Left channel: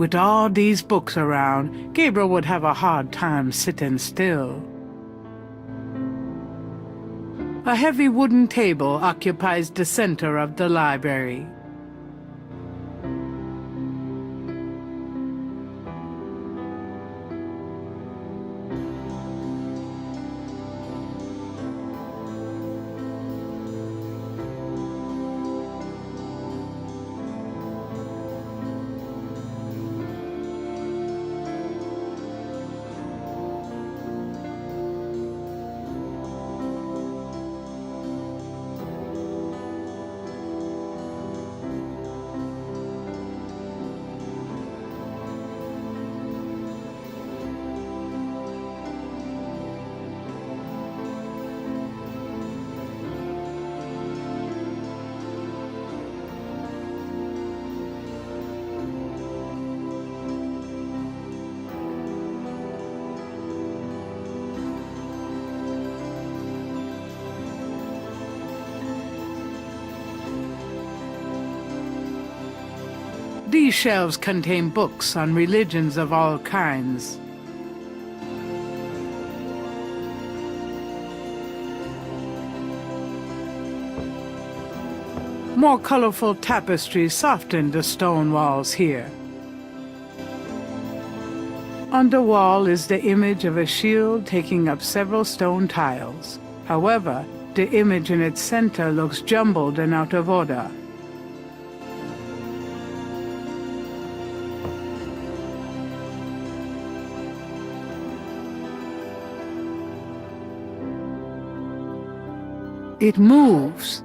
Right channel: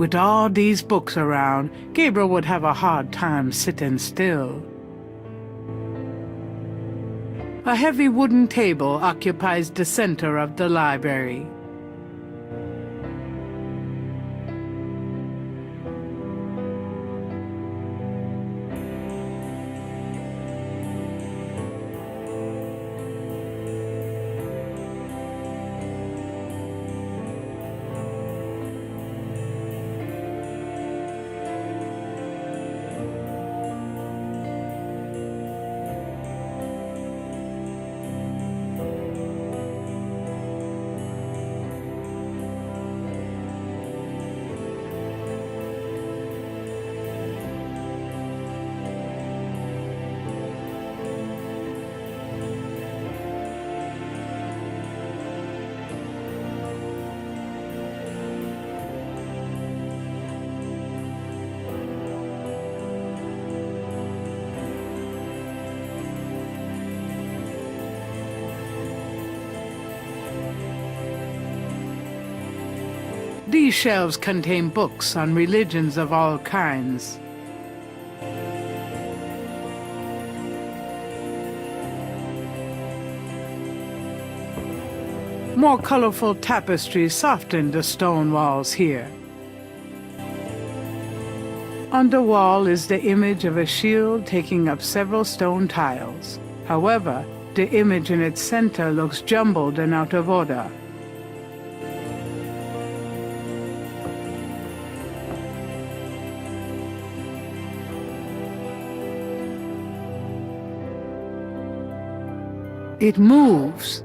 With all these books around, Gabriel would have a hard time sitting still. A heavy wooden table occupies the center of the library. These shelves contain books on religions of all kinds. More colorful tapestries soften the stone walls here. On the wall is the image of a shield taking up several stone tiles. However, the image in its center looks jumbled and out of order. It moves.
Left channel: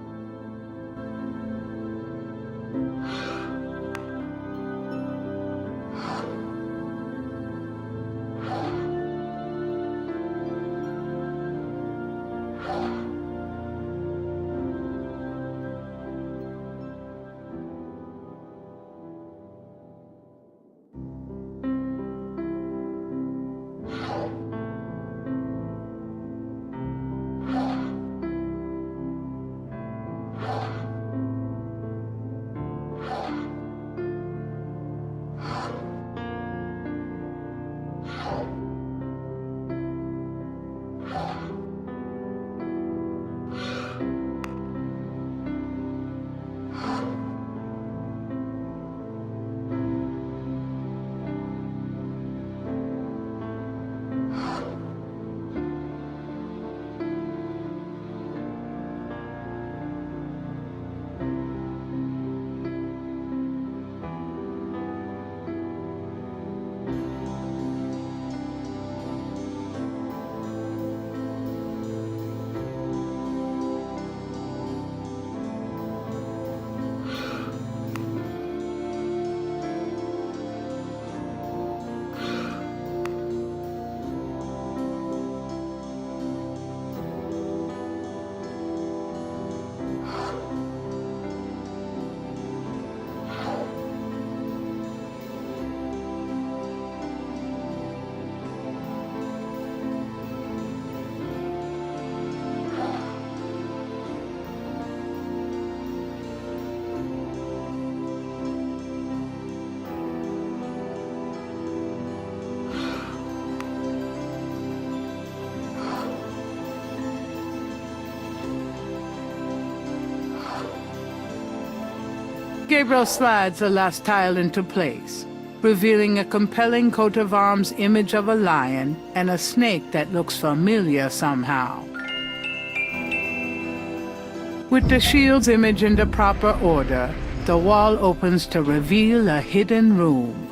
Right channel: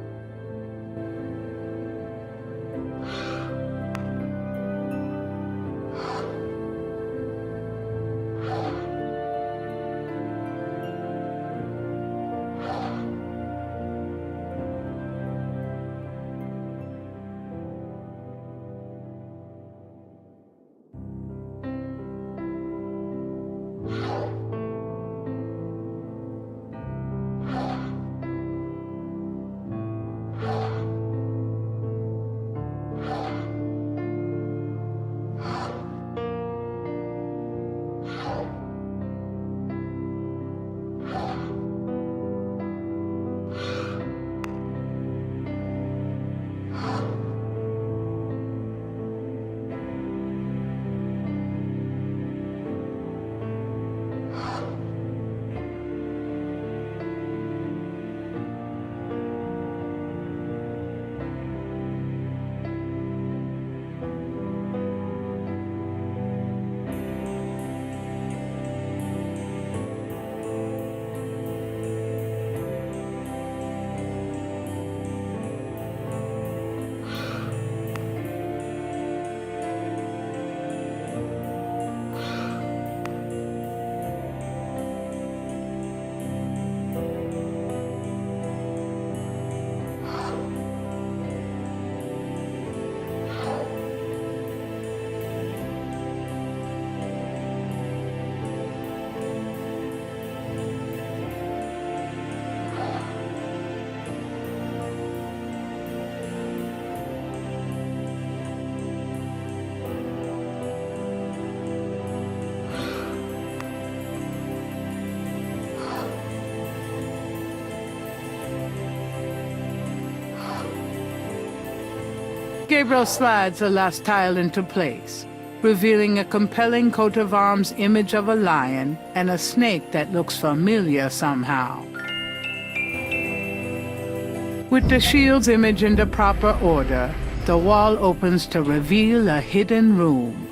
Gabriel slides the last tile into place, revealing a compelling coat of arms image of a lion and a snake that looks familiar somehow. With the shield's image in the proper order, the wall opens to reveal a hidden room.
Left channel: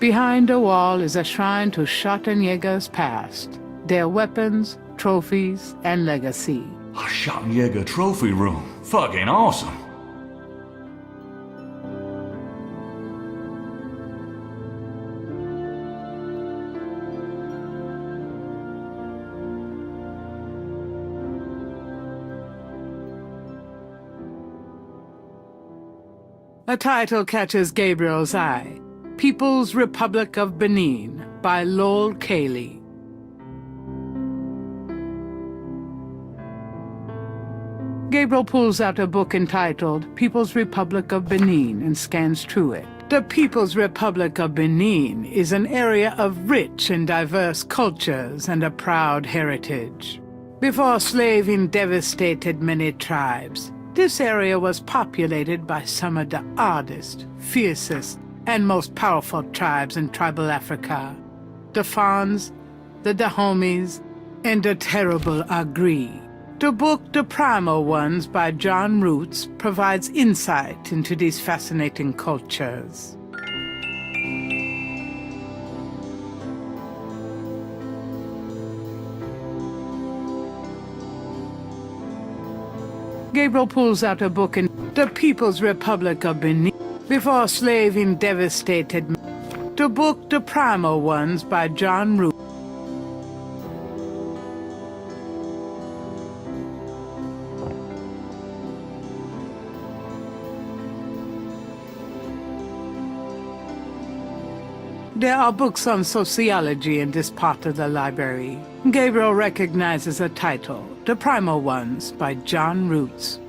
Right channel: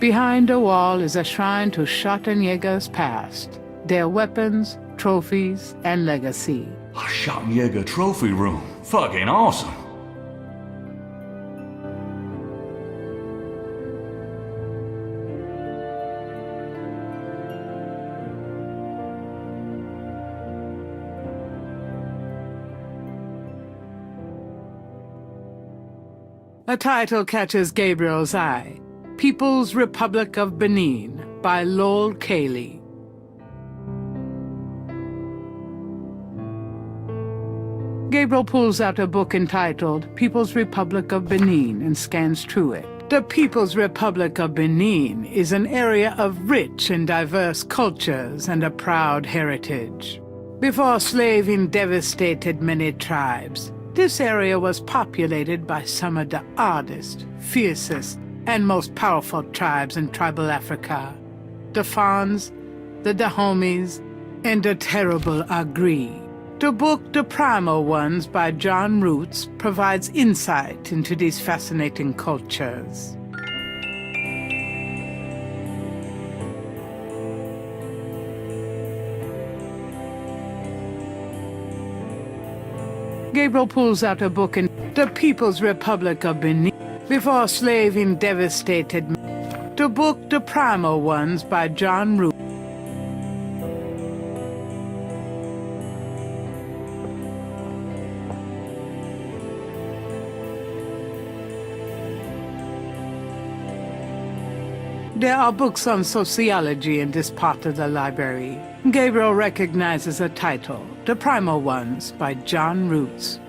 Behind the wall is a shrine to Schottenjäger's past, their weapons, trophies, and legacy. A Schottenjäger trophy room. Fucking awesome. A title catches Gabriel's eye. People's Republic of Benin by Lowell Cayley. Gabriel pulls out a book entitled People's Republic of Benin and scans through it. The People's Republic of Benin is an area of rich and diverse cultures and a proud heritage. Before slaving devastated many tribes, this area was populated by some of the oddest, fiercest, and most powerful tribes in tribal Africa. The Fons, the Dahomies, and the terrible Agri. The book The Primal Ones by John Roots provides insight into these fascinating cultures. Gabriel pulls out a book in The People's Republic of Benin before slaving devastated. The book The Primal Ones by John Roots. There are books on sociology in this part of the library. Gabriel recognizes a title, The Primal Ones by John Roots.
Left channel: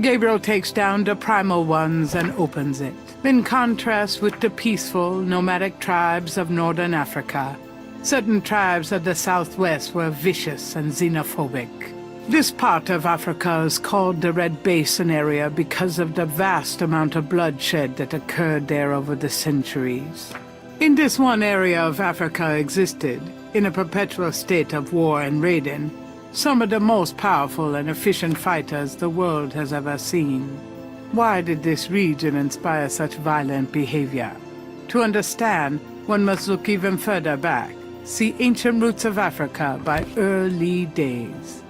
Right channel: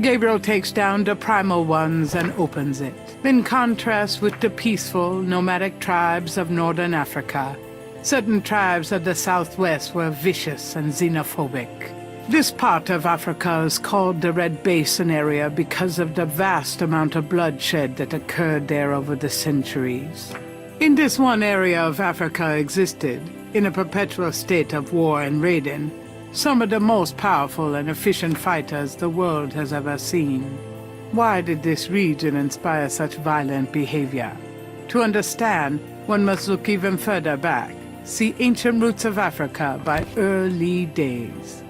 Gabriel takes down The Primal Ones and opens it. In contrast with the peaceful, nomadic tribes of northern Africa, certain tribes of the southwest were vicious and xenophobic. This part of Africa is called the Red Basin area because of the vast amount of bloodshed that occurred there over the centuries. In this one area of Africa existed, in a perpetual state of war and raiding, some of the most powerful and efficient fighters the world has ever seen. Why did this region inspire such violent behavior? To understand, one must look even further back. See Ancient Roots of Africa by Early Days.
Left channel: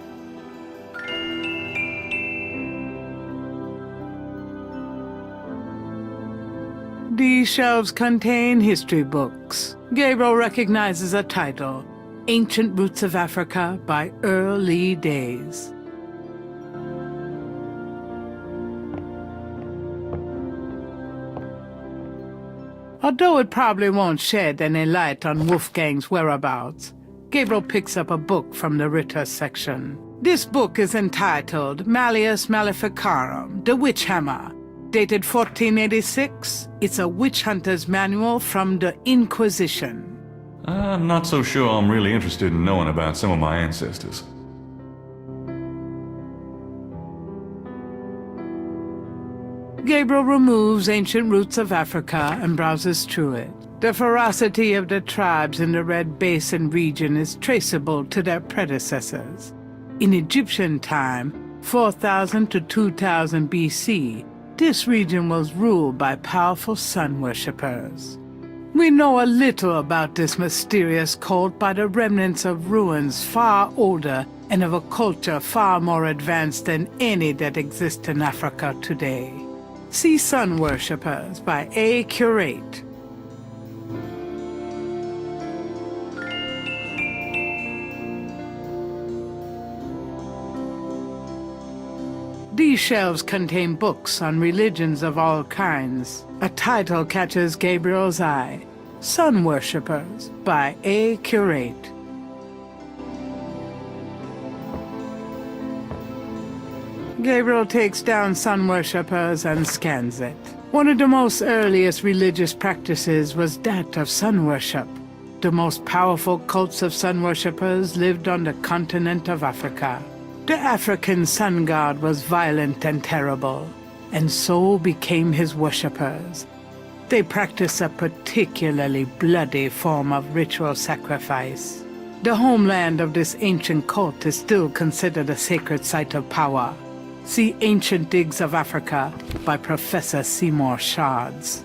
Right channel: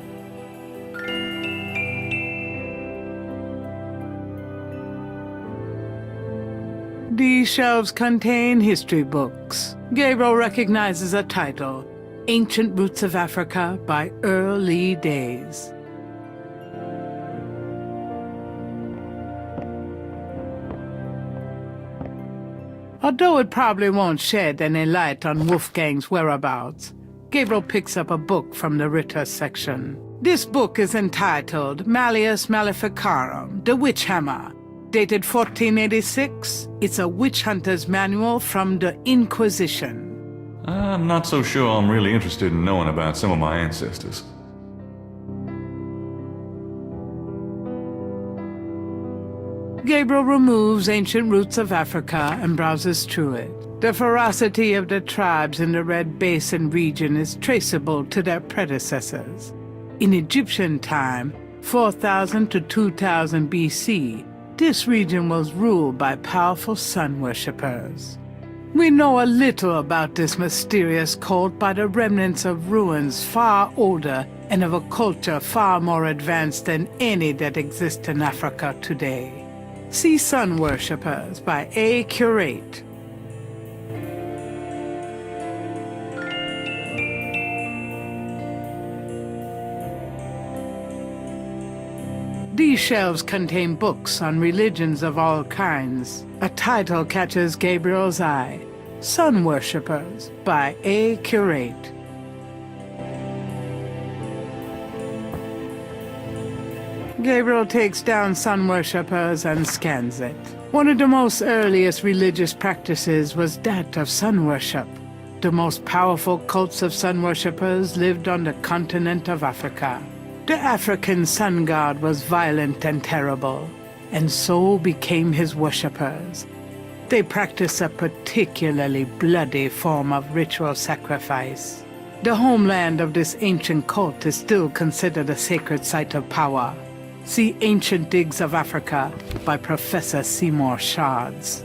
These shelves contain history books. Gabriel recognizes a title, Ancient Roots of Africa by Early Days. Although it probably won't shed any light on Wolfgang's whereabouts, Gabriel picks up a book from the Ritter section. This book is entitled Malleus Maleficarum, The Witch Hammer, dated 1486. It's a witch hunter's manual from the Inquisition. I'm not so sure I'm really interested in knowing about some of my ancestors. Gabriel removes Ancient Roots of Africa and browses through it. The ferocity of the tribes in the Red Basin region is traceable to their predecessors. In Egyptian time, 4000 to 2000 BC, this region was ruled by powerful sun worshippers. We know a little about this mysterious cult by the remnants of ruins far older and of a culture far more advanced than any that exists in Africa today. See Sun Worshippers by A. Curate. These shelves contain books on religions of all kinds. A title catches Gabriel's eye, Sun Worshippers by A. Curate. Gabriel takes down Sun Worshippers and scans it. One of the most earliest religious practices was that of sun worship. The most powerful cults of sun worshippers lived on the continent of Africa. The African sun god was violent and terrible, and so became his worshippers. They practiced a particularly bloody form of ritual sacrifice. The homeland of this ancient cult is still considered a sacred site of power. See Ancient Digs of Africa by Professor Seymour Shards.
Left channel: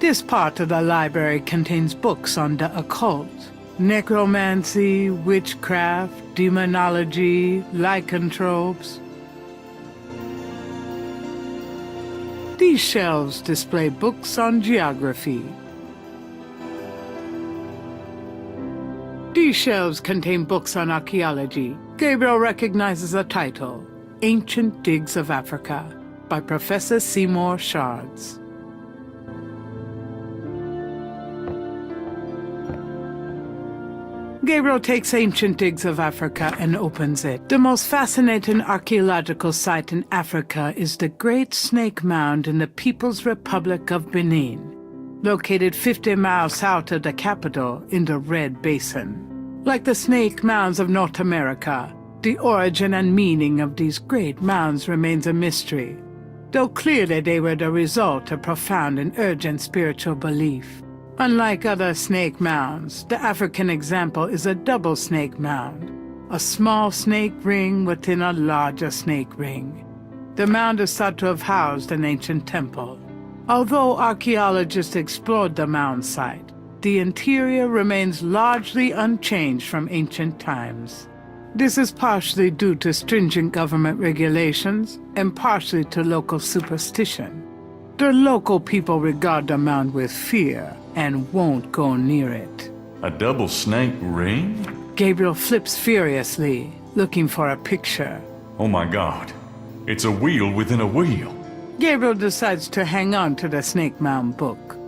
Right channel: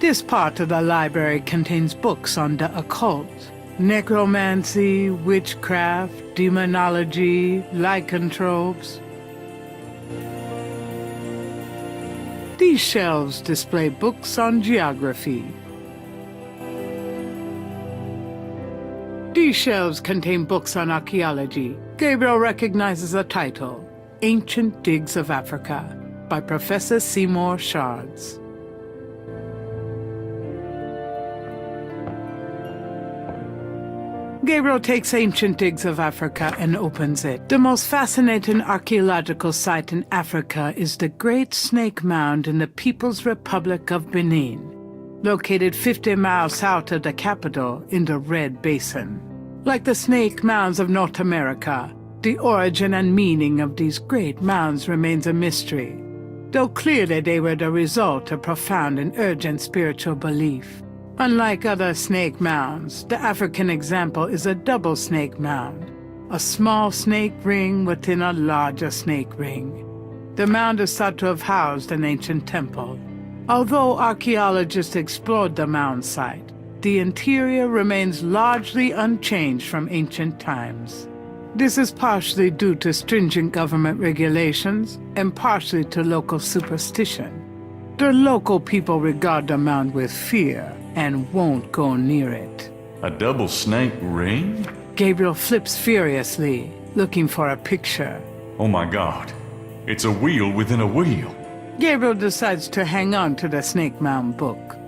This part of the library contains books on the occult, necromancy, witchcraft, demonology, lycanthropes. These shelves display books on geography. These These shelves contain books on archaeology. Gabriel recognizes the title, Ancient Digs of Africa, by Professor Seymour Shards. Gabriel takes Ancient Digs of Africa and opens it. The most fascinating archaeological site in Africa is the Great Snake Mound in the People's Republic of Benin, located 50 miles south of the capital in the Red Basin. Like the snake mounds of North America, the origin and meaning of these great mounds remains a mystery, though clearly they were the result of profound and urgent spiritual belief. Unlike other snake mounds, the African example is a double snake mound, a small snake ring within a larger snake ring. The mound is thought to have housed an ancient temple. Although archaeologists explored the mound site, the interior remains largely unchanged from ancient times. This is partially due to stringent government regulations and partially to local superstition. The local people regard the mound with fear and won't go near it. A double snake ring? Gabriel flips furiously, looking for a picture. Oh my god. It's a wheel within a wheel. Gabriel decides to hang on to the Snake Mound book.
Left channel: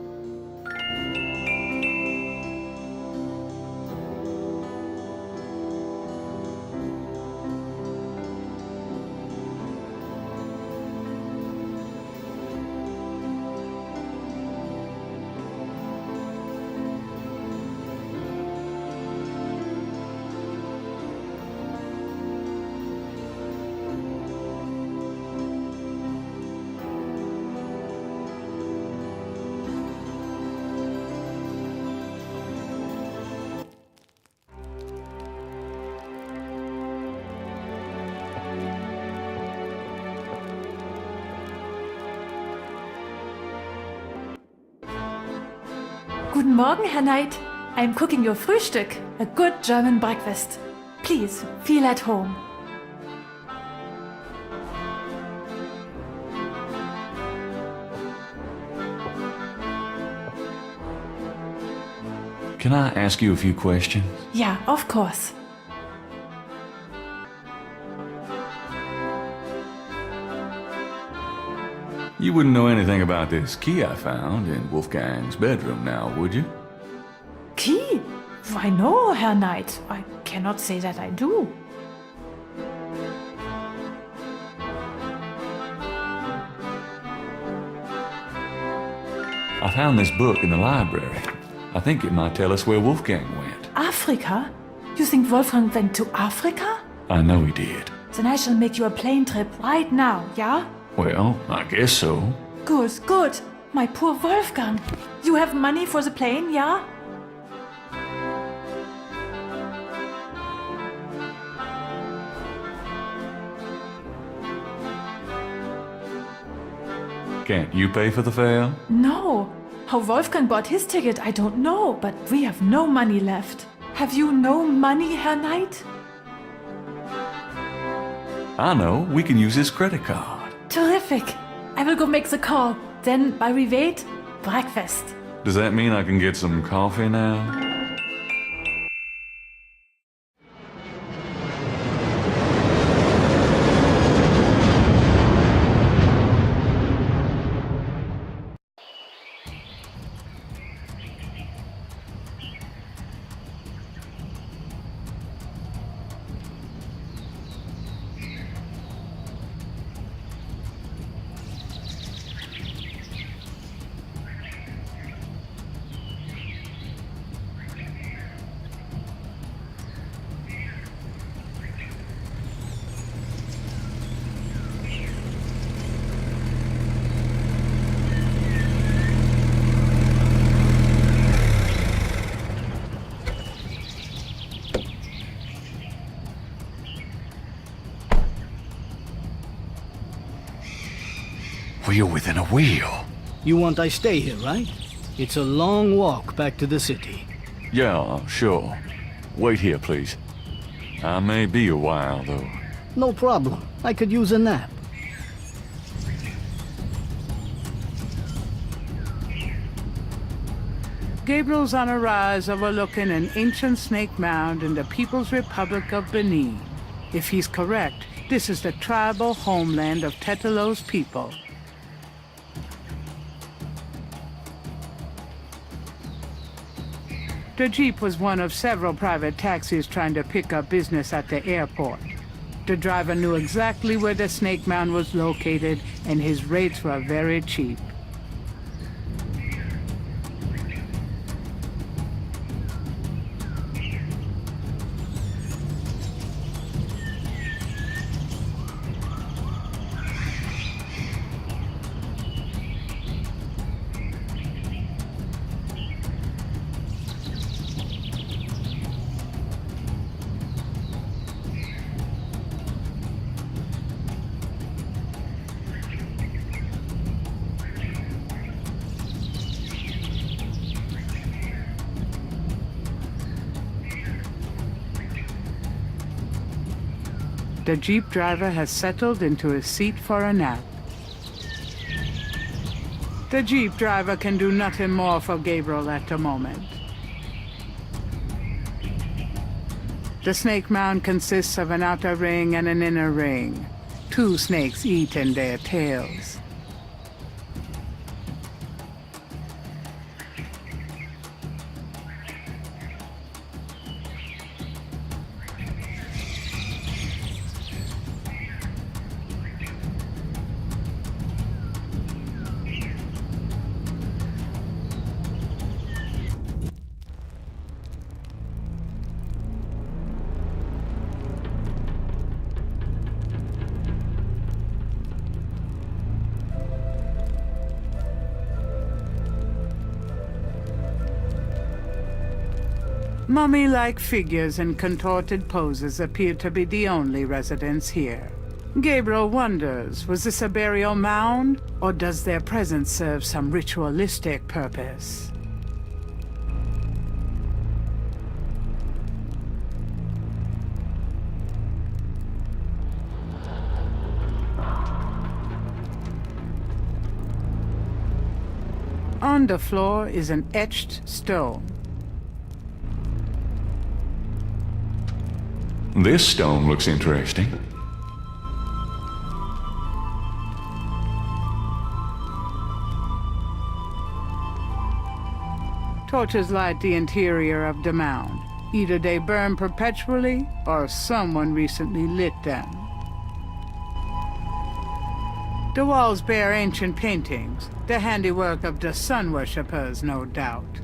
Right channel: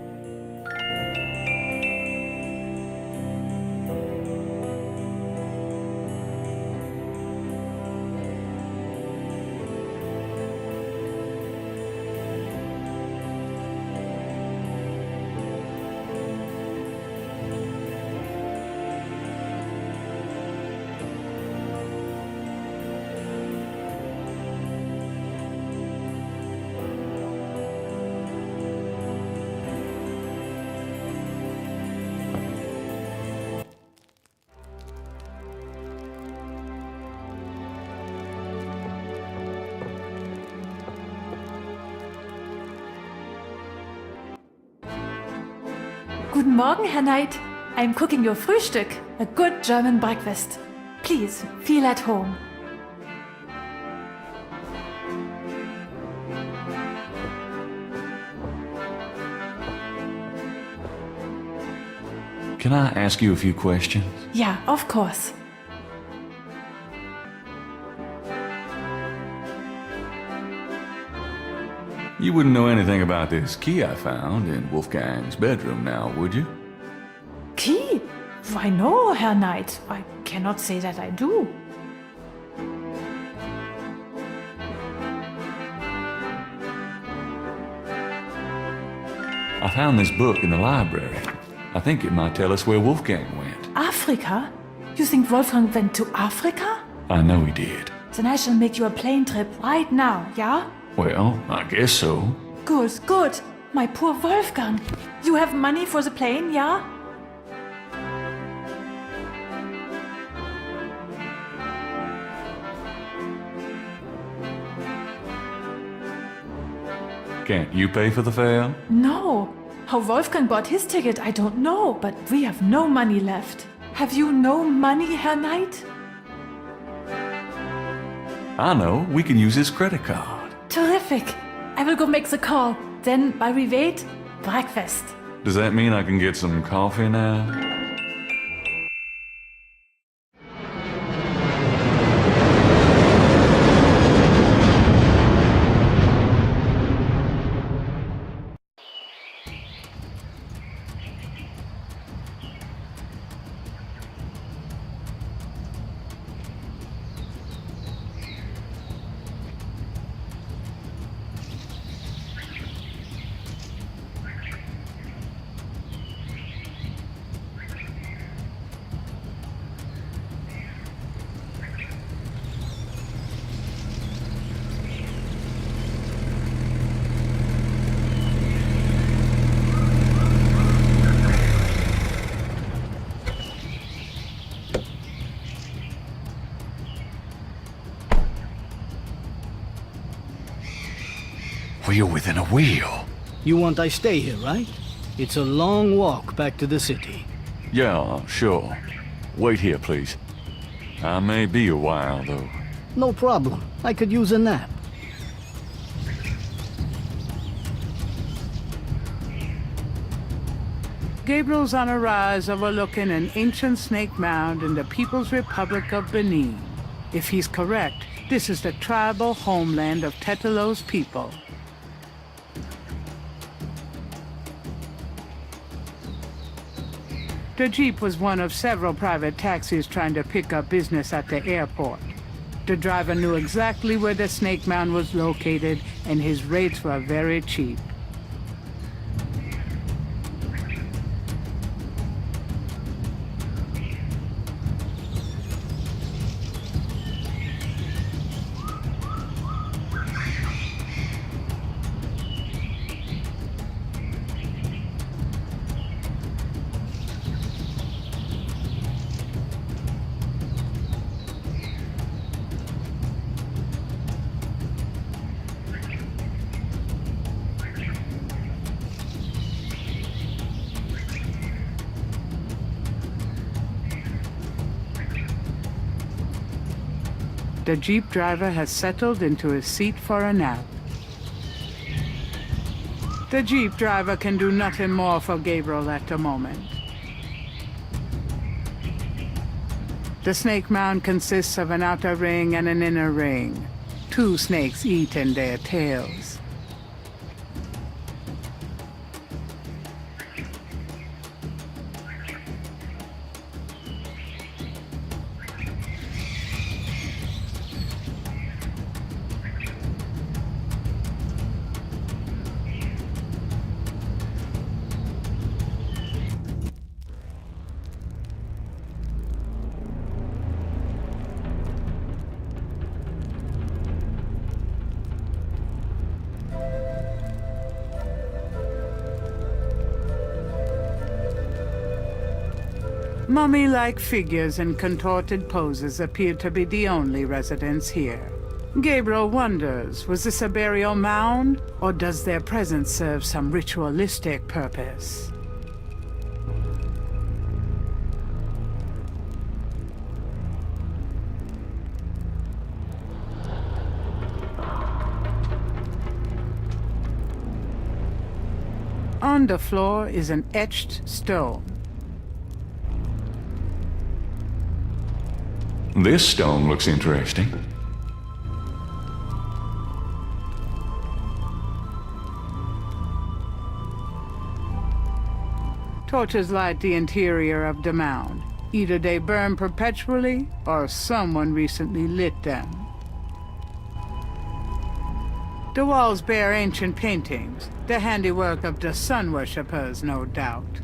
Guten Morgen, Herr Knight. I'm cooking your Frühstück, a good German breakfast. Please, feel at home. Can I ask you a few questions? Yeah, of course. You wouldn't know anything about this key I found in Wolfgang's bedroom now, would you? Key? Why no, Herr Knight. I cannot say that I do. I found this book in the library. I think it might tell us where Wolfgang went. Africa? You think Wolfgang went to Africa? I know he did. Then I shall make you a plane trip right now, yeah? Well, I guess so. Good, good. My poor Wolfgang. You have money for the plane, yeah? Can't you pay for the fare? No. How Wolfgang bought his ticket, I don't know, but we have no money left. Have you no money, Herr Knight? I know. We can use his credit card. Terrific. I will go make the call. Then, while we wait, breakfast. Does that mean I can get some coffee now? Wheel within a wheel. You want I stay here, right? It's a long walk back to the city. Yeah, sure. Wait here, please. I may be a while, though. No problem. I could use a nap. Gabriel's on a rise overlooking an ancient snake mound in the People's Republic of Benin. If he's correct, this is the tribal homeland of Tetelo's people. The Jeep was one of several private taxis trying to pick up business at the airport. The driver knew exactly where the snake mound was located, and his rates were very cheap. The Jeep driver has settled into his seat for a nap. The Jeep driver can do nothing more for Gabriel at the moment. The snake mound consists of an outer ring and an inner ring. Two snakes eat in their tails. Mummy-like figures in contorted poses appear to be the only residents here. Gabriel wonders, was this a burial mound, or does their presence serve some ritualistic purpose? On the floor is an etched stone. This stone looks interesting. Torches light the interior of the mound. Either they burn perpetually, or someone recently lit them. The walls bear ancient paintings, the handiwork of the sun worshippers, no doubt.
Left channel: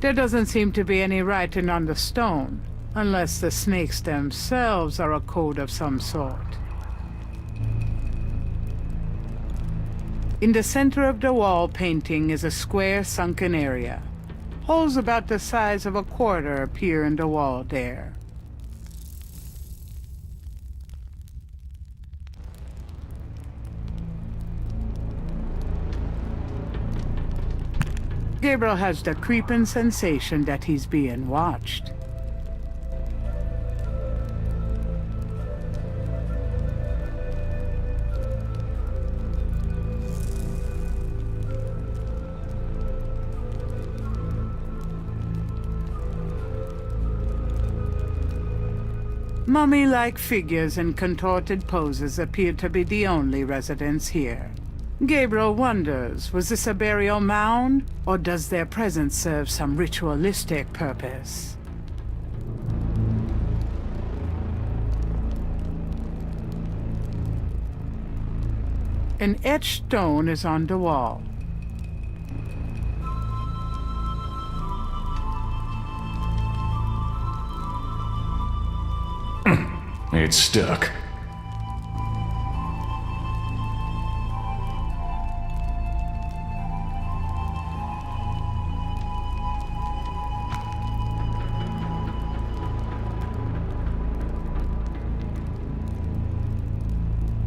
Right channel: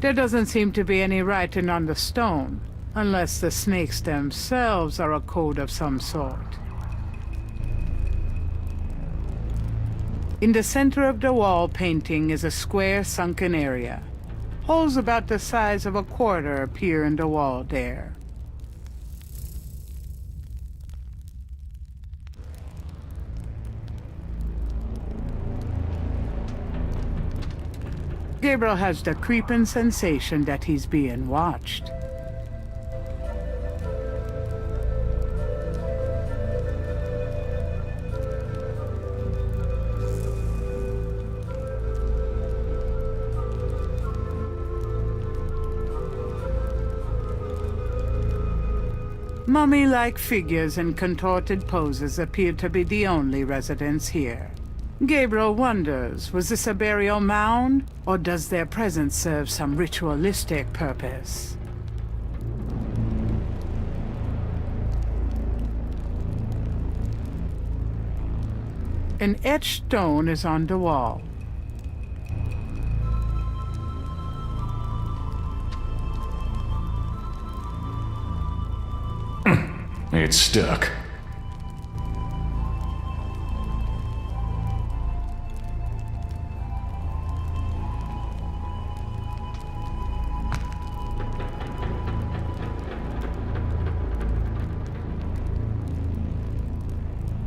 There doesn't seem to be any writing on the stone, unless the snakes themselves are a code of some sort. In the center of the wall painting is a square sunken area. Holes about the size of a quarter appear in the wall there. Gabriel has the creeping sensation that he's being watched. Mummy-like figures in contorted poses appear to be the only residents here. Gabriel wonders, was this a burial mound, or does their presence serve some ritualistic purpose? An etched stone is on the wall. It's stuck.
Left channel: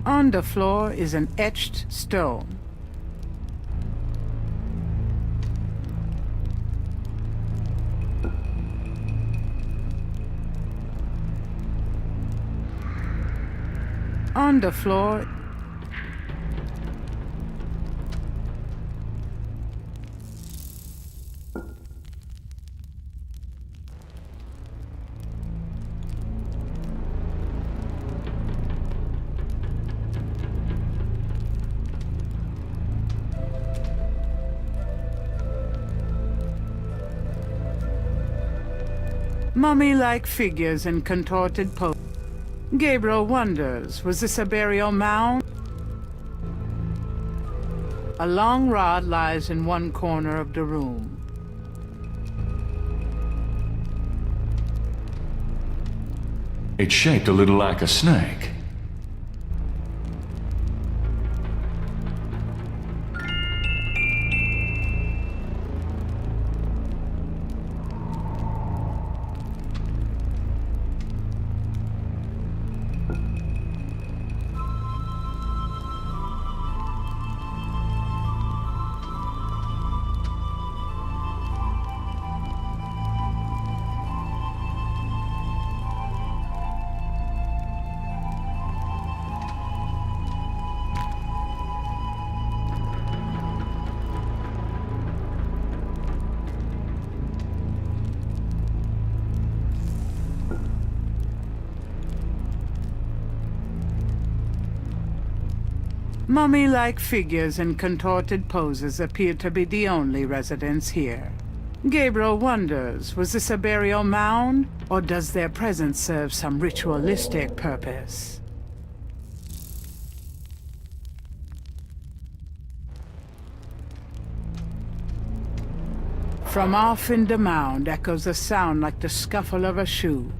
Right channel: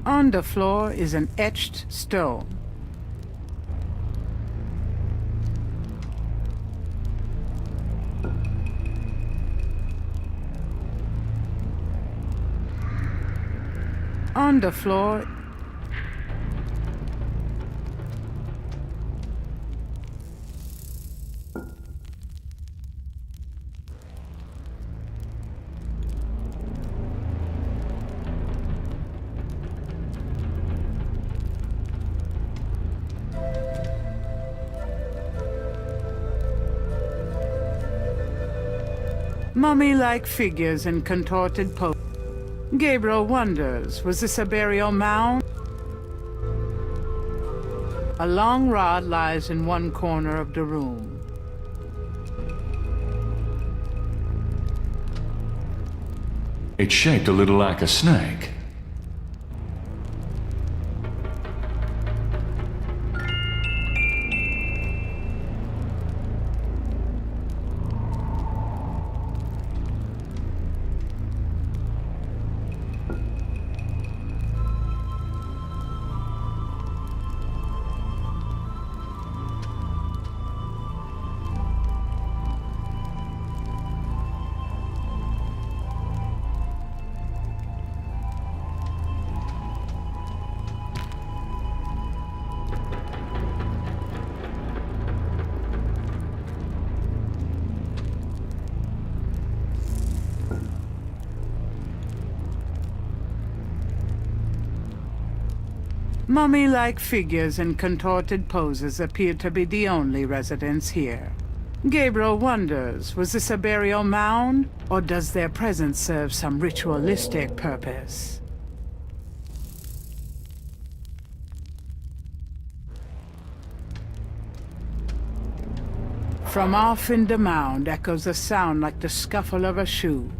On the floor is an etched stone. On the floor Mummy-like figures in contorted poses. Gabriel wonders, was this a burial mound? A long rod lies in one corner of the room. It's shaped a little like a snake. Mummy-like figures in contorted poses appear to be the only residents here. Gabriel wonders, was this a burial mound, or does their presence serve some ritualistic purpose? From off in the mound echoes a sound like the scuffle of a shoe.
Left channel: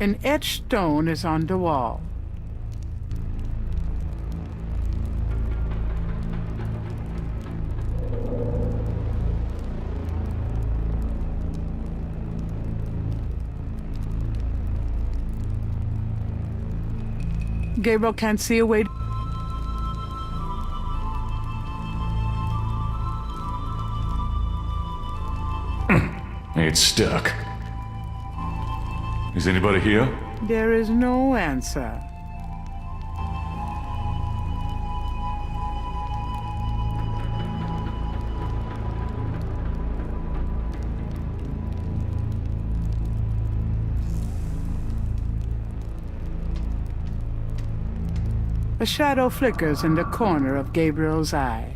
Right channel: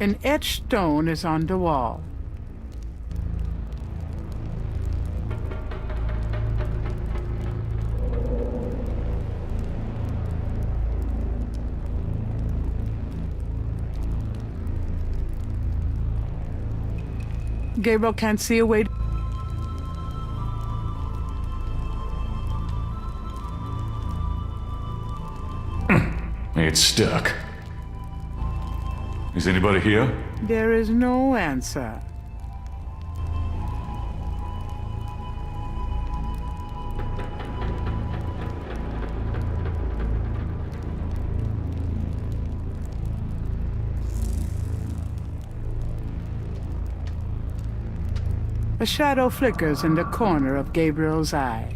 An etched stone is on the wall. Gabriel can't see a way. It's stuck. Is anybody here? There is no answer. A shadow flickers in the corner of Gabriel's eye.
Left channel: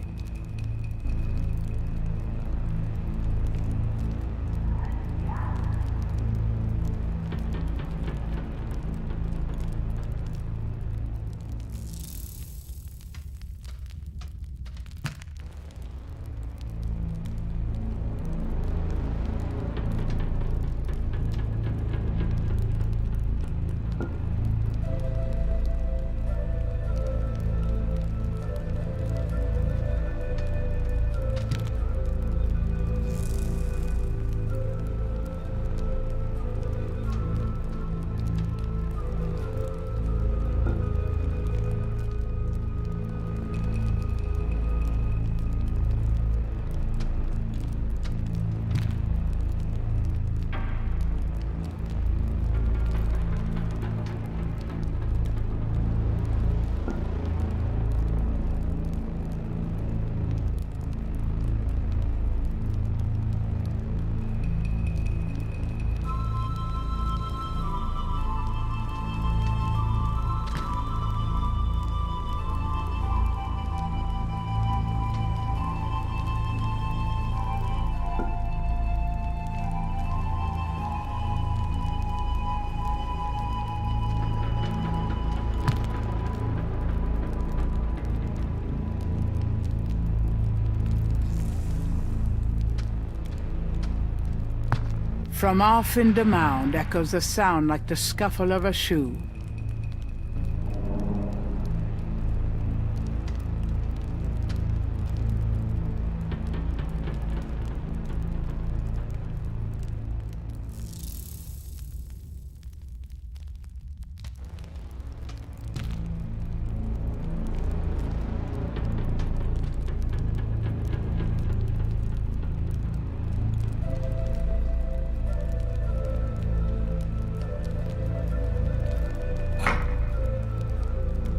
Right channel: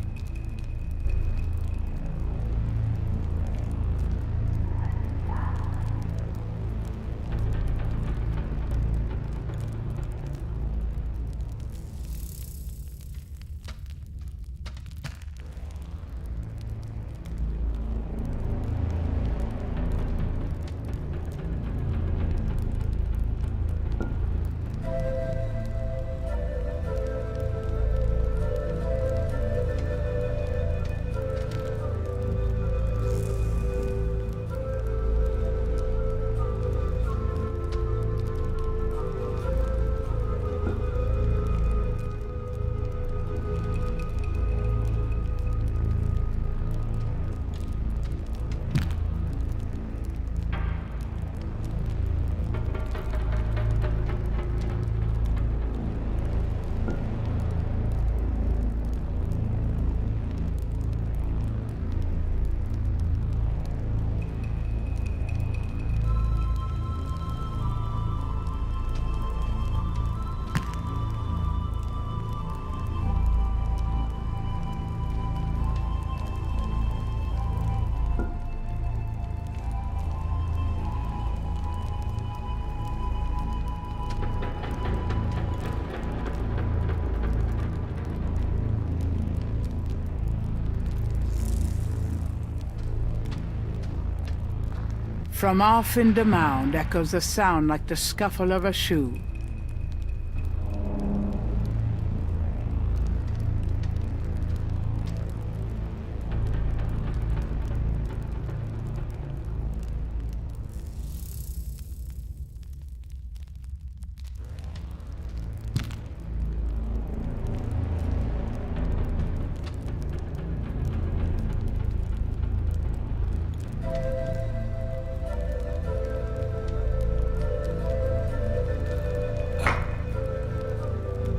From off in the mound echoes a sound like the scuffle of a shoe.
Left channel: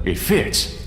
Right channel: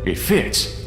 It fits.